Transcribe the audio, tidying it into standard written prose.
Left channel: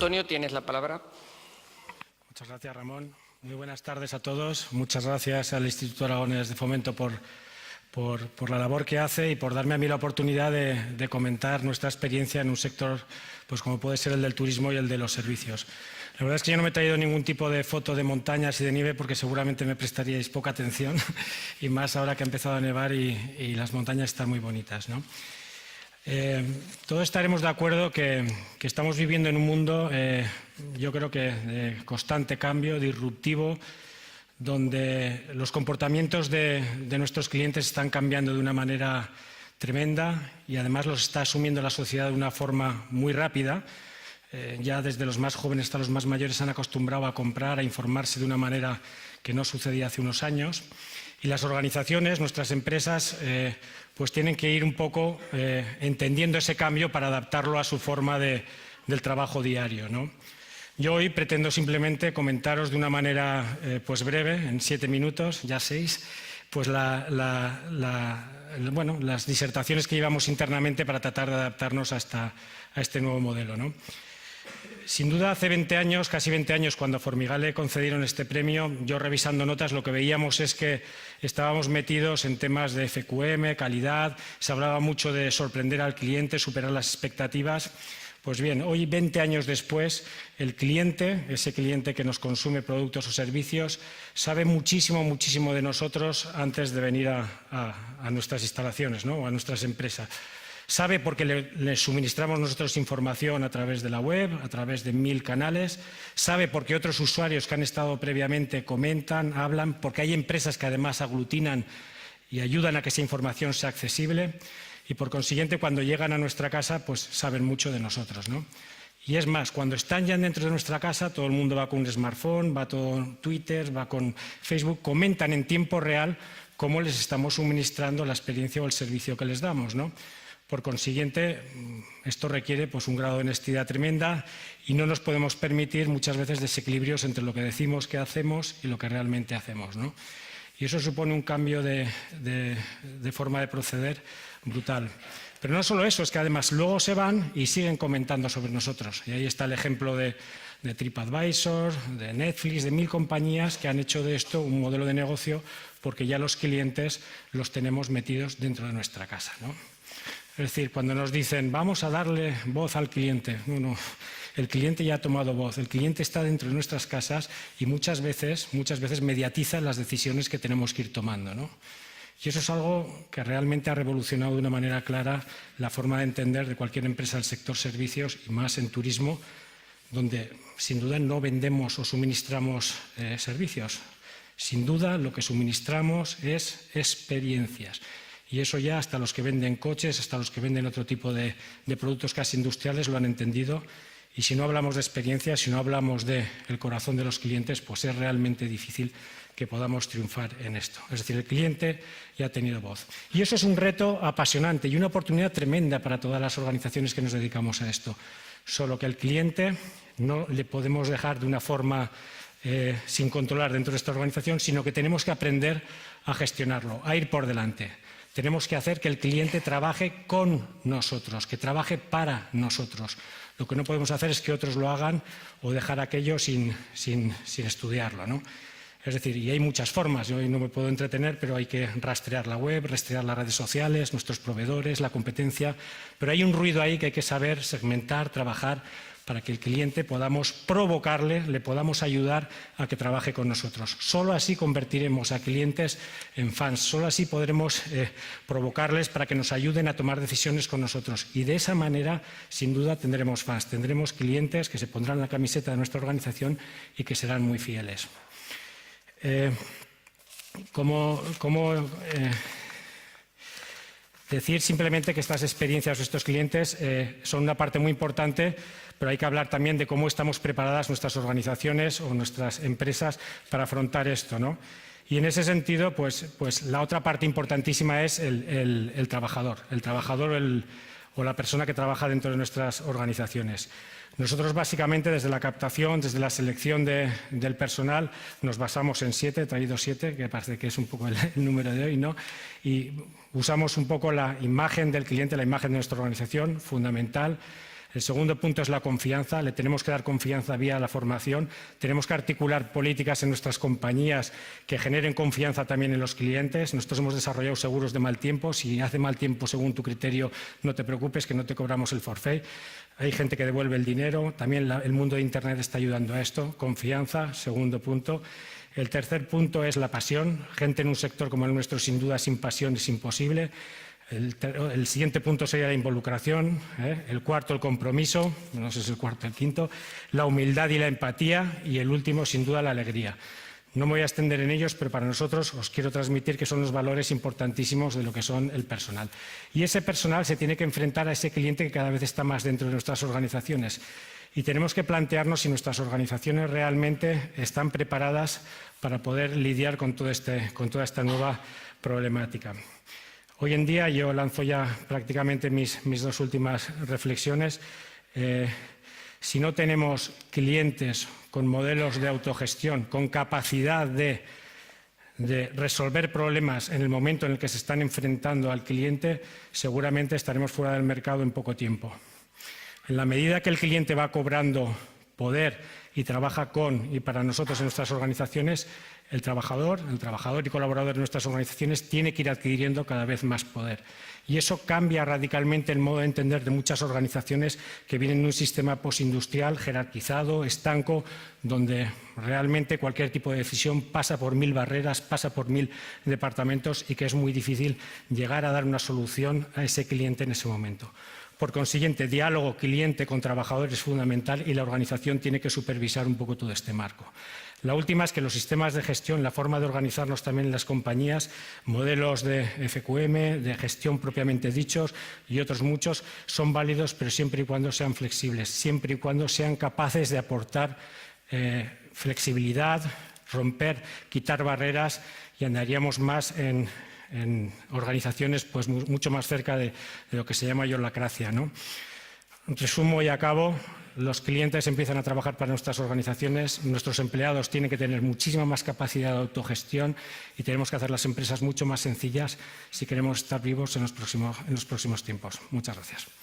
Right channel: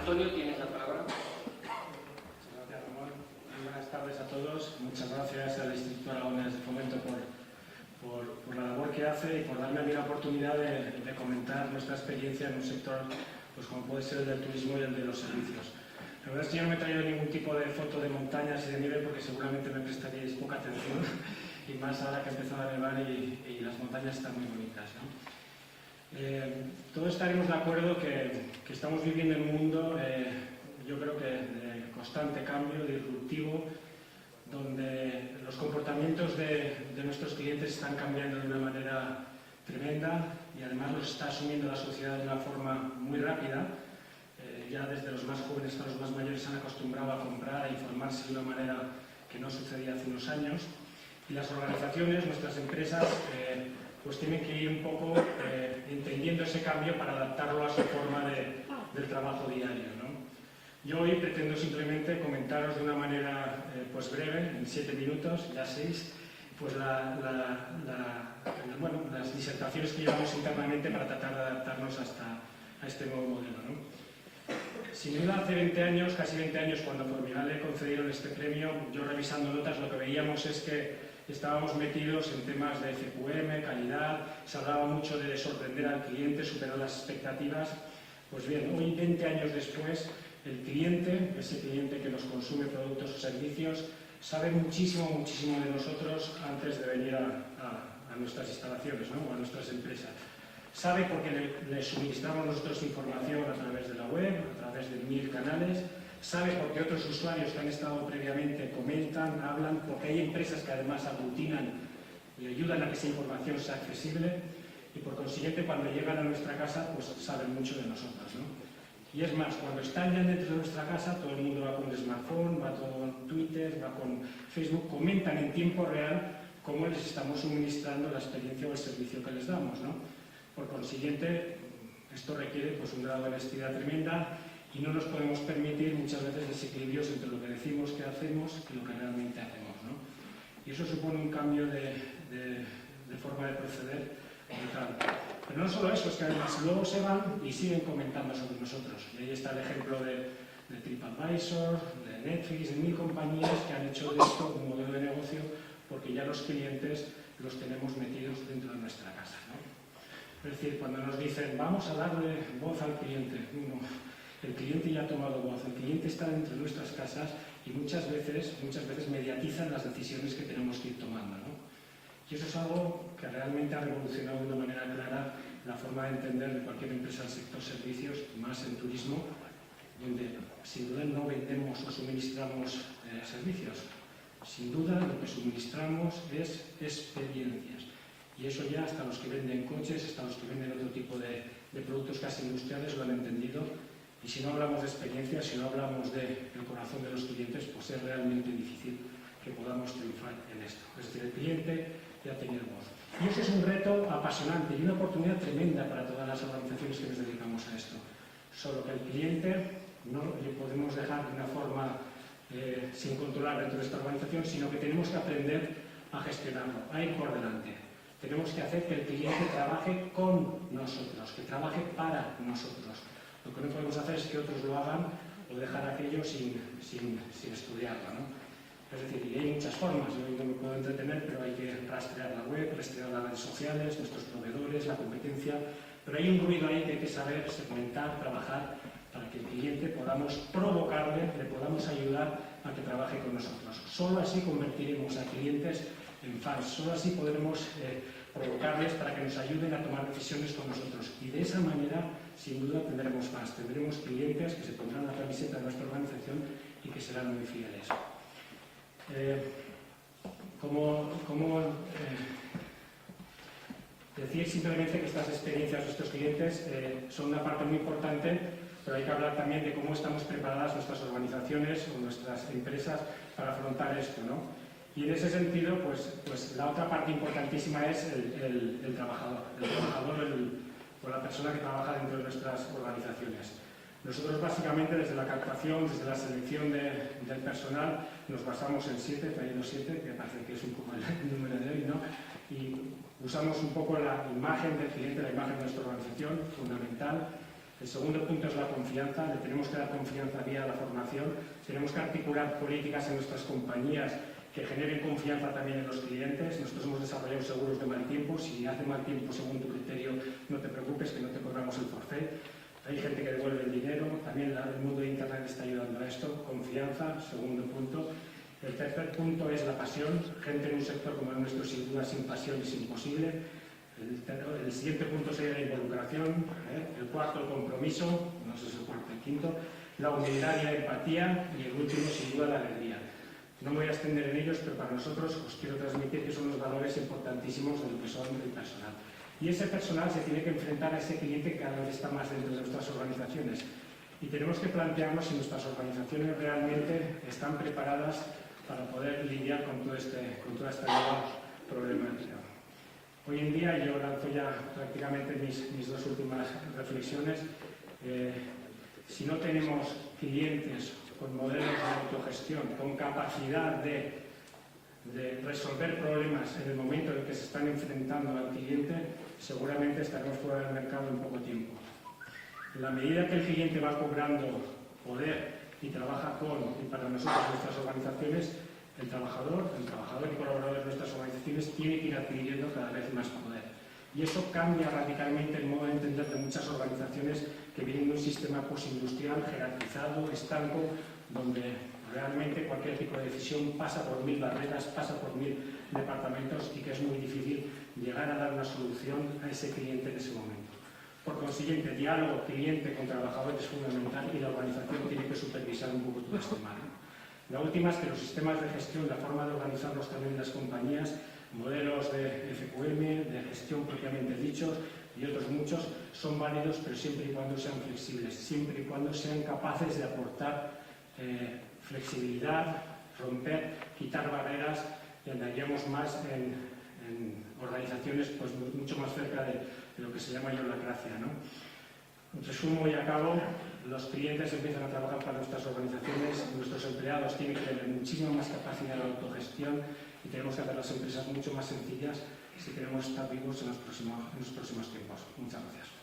Antonio, tienes la palabra. Muchas gracias, Ramón. Muy buenas tardes a todos. Muchas gracias al Instituto Aragonés de Fomento por la labor que hace y por darme a mí la oportunidad de comentar nuestra experiencia en un sector pues como puede ser el del turismo y el de los servicios. La verdad es que yo no me he traído ningún tipo de foto de montañas y de nieve porque seguramente me prestaríais poca atención y más ahora que ha empezado a nevar y las montañas están muy bonitas, ¿no? Todos estaremos de acuerdo que estamos viviendo en un mundo, yo creo que de constante cambio, disruptivo, donde los comportamientos de nuestros clientes están cambiando de una manera tremenda y además los está asumiendo la sociedad de una forma muy rápida. Ya desde los más jóvenes hasta los más mayores se han acostumbrado a comprar, a informarse de una manera que no sucedía hace unos años. Y las organizaciones, nuestras empresas, pues tienen que ir un poco entendiendo ese cambio para adaptarlo a su forma del trabajo diario, ¿no? Yo hoy pretendo simplemente comentaros de una manera pues breve, en 7 minutos, ya 6, pues las disertaciones que llevamos internamente para tratar de adaptarnos a este nuevo modelo, ¿no? Sin duda, hace 20 años, casi 20 años, cuando a Formigal le concedieron este premio, yo revisando notas lo que veíamos es que estábamos metidos en temas de FQM, calidad, se hablaba mucho de sorprender al cliente, superar las expectativas. Pues bien, hoy, 20 años después, el cliente, ese cliente que nos consume productos o servicios, sabe muchísimo, muchísimo de nosotros antes de venir a nuestras instalaciones, ¿no? O a nuestras empresas. Sabe porque le suministramos nosotros información a través de la web, a través de 1000 canales. Sabe porque otros usuarios que han estado previamente comentan, hablan, porque hay empresas que además aglutinan y ayudan a que esa información sea accesible. Y por consiguiente, cuando llegan a nuestra casa, pues saben mucho de nosotros, ¿no? Y es más, cuando están ya dentro de nuestra casa, todo el mundo va con un smartphone, va con Twitter, va con Facebook, comentan en tiempo real cómo les estamos suministrando la experiencia o el servicio que les damos, ¿no? Por consiguiente, esto requiere pues, un grado de honestidad tremenda y no nos podemos permitir muchas veces desequilibrios entre lo que decimos que hacemos y lo que realmente hacemos, ¿no? Y eso supone un cambio de forma de proceder brutal. Pero no solo eso, es que además luego se van y siguen comentando sobre nosotros. Y ahí está el ejemplo de TripAdvisor, de Netflix, de 1000 compañías que han hecho de esto un modelo de negocio porque ya los clientes los tenemos metidos dentro de nuestra casa, ¿no? Es decir, cuando nos dicen vamos a darle voz al cliente, no, el cliente ya ha tomado voz, el cliente está dentro de nuestras casas y muchas veces mediatiza las decisiones que tenemos que ir tomando, ¿no? Y eso es algo que realmente ha revolucionado de una manera clara la forma de entender de cualquier empresa del sector servicios y más en turismo, donde sin duda no vendemos o suministramos servicios. Sin duda lo que suministramos es experiencias. Y eso ya hasta los que venden coches, hasta los que venden otro tipo de productos casi industriales lo han entendido. Y si no hablamos de experiencia, si no hablamos del corazón de los clientes, pues es realmente difícil que podamos triunfar en esto. Es decir, el cliente ya ha tenido voz. Y eso es un reto apasionante y una oportunidad tremenda para todas las organizaciones que nos dedicamos a esto. Solo que al cliente no le podemos dejar de una forma sin controlar dentro de esta organización, sino que tenemos que aprender a gestionarlo, a ir por delante. Tenemos que hacer que el cliente trabaje con nosotros, que trabaje para nosotros. Lo que no podemos hacer es que otros lo hagan o dejar aquello sin estudiarlo, ¿no? Es decir, y hay muchas formas, yo hoy no me puedo entretener, pero hay que rastrear la web, rastrear las redes sociales, nuestros proveedores, la competencia, pero hay un ruido ahí que hay que saber segmentar, trabajar, para que el cliente podamos provocarle, le podamos ayudar a que trabaje con nosotros. Solo así convertiremos a clientes en fans, solo así podremos provocarles para que nos ayuden a tomar decisiones con nosotros. Y de esa manera, sin duda, tendremos fans, tendremos clientes que se pondrán la camiseta de nuestra organización y que serán muy fieles. Decir simplemente que estas experiencias, estos clientes, son una parte muy importante, pero hay que hablar también de cómo estamos preparadas nuestras organizaciones o nuestras empresas para afrontar esto, ¿no? Y en ese sentido, pues la otra parte importantísima es el trabajador o la persona que trabaja dentro de nuestras organizaciones. Nosotros básicamente desde la captación, desde la selección del personal, nos basamos en 7, he traído 7, que parece que es un poco el número de hoy, ¿no? Y usamos un poco la imagen del cliente, la imagen de nuestra organización, fundamental. El segundo punto es la confianza. Le tenemos que dar confianza vía la formación. Tenemos que articular políticas en nuestras compañías que generen confianza también en los clientes. Nosotros hemos desarrollado seguros de mal tiempo. Si hace mal tiempo según tu criterio, no te preocupes, que no te cobramos el forfait. Hay gente que devuelve el dinero. También el mundo de Internet está ayudando a esto. Confianza, segundo punto. El tercer punto es la pasión. Gente en un sector como el nuestro, sin duda, sin pasión es imposible. El siguiente punto sería la involucración. El cuarto, el compromiso. No sé si es el cuarto o el quinto. La humildad y la empatía. Y el último, sin duda, la alegría. No me voy a extender en ellos, pero para nosotros os quiero transmitir que son los valores importantísimos de lo que son el personal. Y ese personal se tiene que enfrentar a ese cliente que cada vez está más dentro de nuestras organizaciones. Y tenemos que plantearnos si nuestras organizaciones realmente están preparadas para poder lidiar con toda esta nueva problemática. Hoy en día, yo lanzo ya prácticamente mis dos últimas reflexiones. Si no tenemos clientes con modelos de autogestión, con capacidad de resolver problemas en el momento en el que se están enfrentando al cliente, seguramente estaremos fuera del mercado en poco tiempo. En la medida que el cliente va cobrando poder y trabaja con y para nosotros en nuestras organizaciones, el trabajador y colaborador de nuestras organizaciones tiene que ir adquiriendo cada vez más poder. Y eso cambia radicalmente el modo de entender de muchas organizaciones que vienen de un sistema postindustrial jerarquizado, estanco, donde realmente cualquier tipo de decisión pasa por 1000 barreras, pasa por 1000 departamentos y que es muy difícil llegar a dar una solución a ese cliente en ese momento. Por consiguiente, diálogo cliente con trabajador es fundamental y la organización tiene que supervisar un poco todo este marco. La última es que los sistemas de gestión, la forma de organizarnos también en las compañías, modelos de FQM, de gestión propiamente dichos y otros muchos, son válidos, pero siempre y cuando sean flexibles, siempre y cuando sean capaces de aportar flexibilidad, romper, quitar barreras y andaríamos más en organizaciones pues, mucho más cerca de lo que se llama holacracia, ¿no? Resumo y acabo, los clientes empiezan a trabajar para nuestras organizaciones, nuestros empleados tienen que tener muchísima más capacidad de autogestión y tenemos que hacer las empresas mucho más sencillas si queremos estar vivos en los próximos tiempos. Muchas gracias.